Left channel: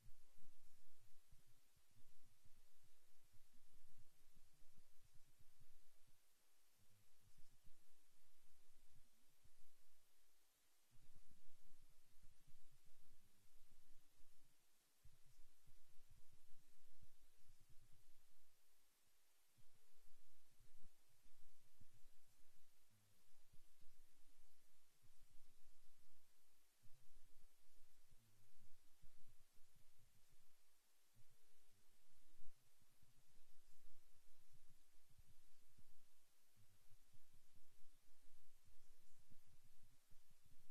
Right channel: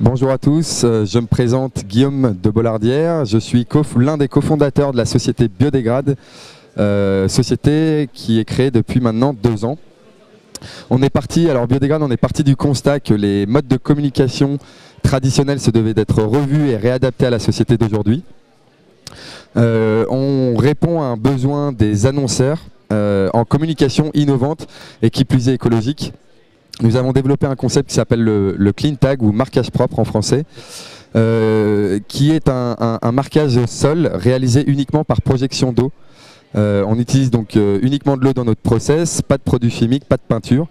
Bonjour à tous, je me présente Guillaume de Bollardière, je suis l'un des cofondateurs de la société Biodégrade, société qui est créée depuis maintenant 2 ans. Biodégrade, on est parti du constat que les modes de communication traditionnels se devaient d'être revus et réadaptés à la société d'aujourd'hui. On répond à un besoin des annonceurs en communication innovante et qui plus est écologique. Nous avons développé un concept qui s'appelle le clean tag ou marquage propre en français, qui est un marquage sol réalisé uniquement par projection d'eau. On utilise donc uniquement de l'eau dans notre process, pas de produits chimiques, pas de peinture.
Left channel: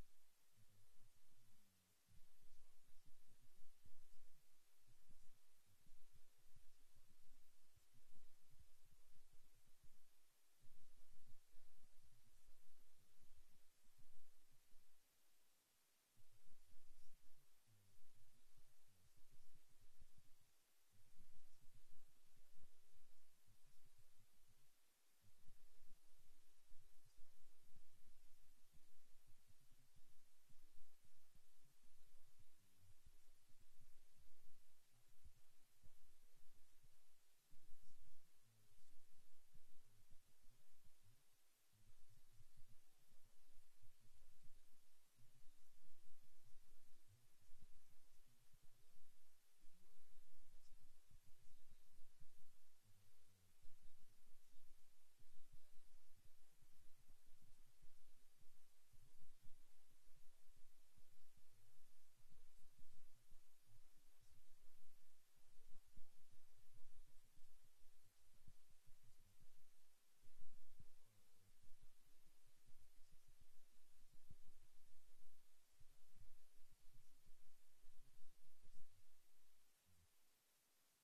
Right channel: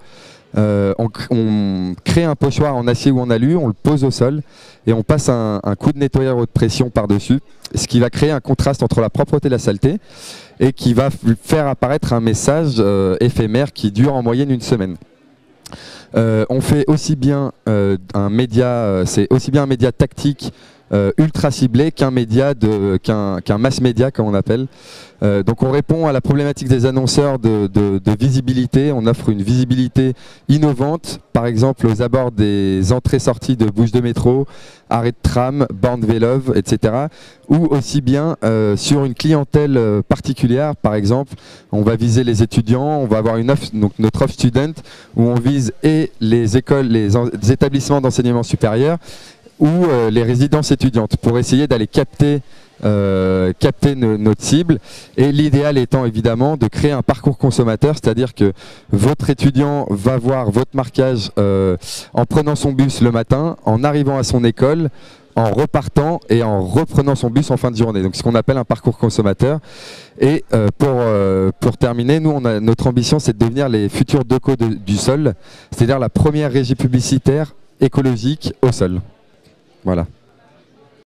On crée un pochoir en acier ou en alu, on le pose au sol et on passe un coup de nettoyeur haute pression par-dessus, ce qui va créer un contraste entre la propreté et la saleté et qui va faire apparaître un message éphémère qui dure en moyenne 1 semaine. On fait aussi bien un média, c'est aussi bien un média tactique ultra ciblé qu'un mass média comme on appelle. Donc on répond à la problématique des annonceurs de visibilité, on offre une visibilité innovante, par exemple aux abords des entrées-sorties de bouches de métro, arrêts de tram, bornes Vélove, etc. Ou aussi bien sur une clientèle particulière, par exemple, on va viser les étudiants, on va avoir une offre, donc notre offre student, où on vise et les écoles, les établissements d'enseignement supérieur, ou les résidences étudiantes, pour essayer d'aller capter notre cible, et l'idéal étant évidemment de créer un parcours consommateur, c'est-à-dire que votre étudiant va voir votre marquage en prenant son bus le matin, en arrivant à son école, en repartant et en reprenant son bus en fin de journée. Donc ce qu'on appelle un parcours consommateur. Et pour terminer, nous, notre ambition, c'est de devenir les futurs DECO du sol, c'est-à-dire la première régie publicitaire écologique au sol. Voilà.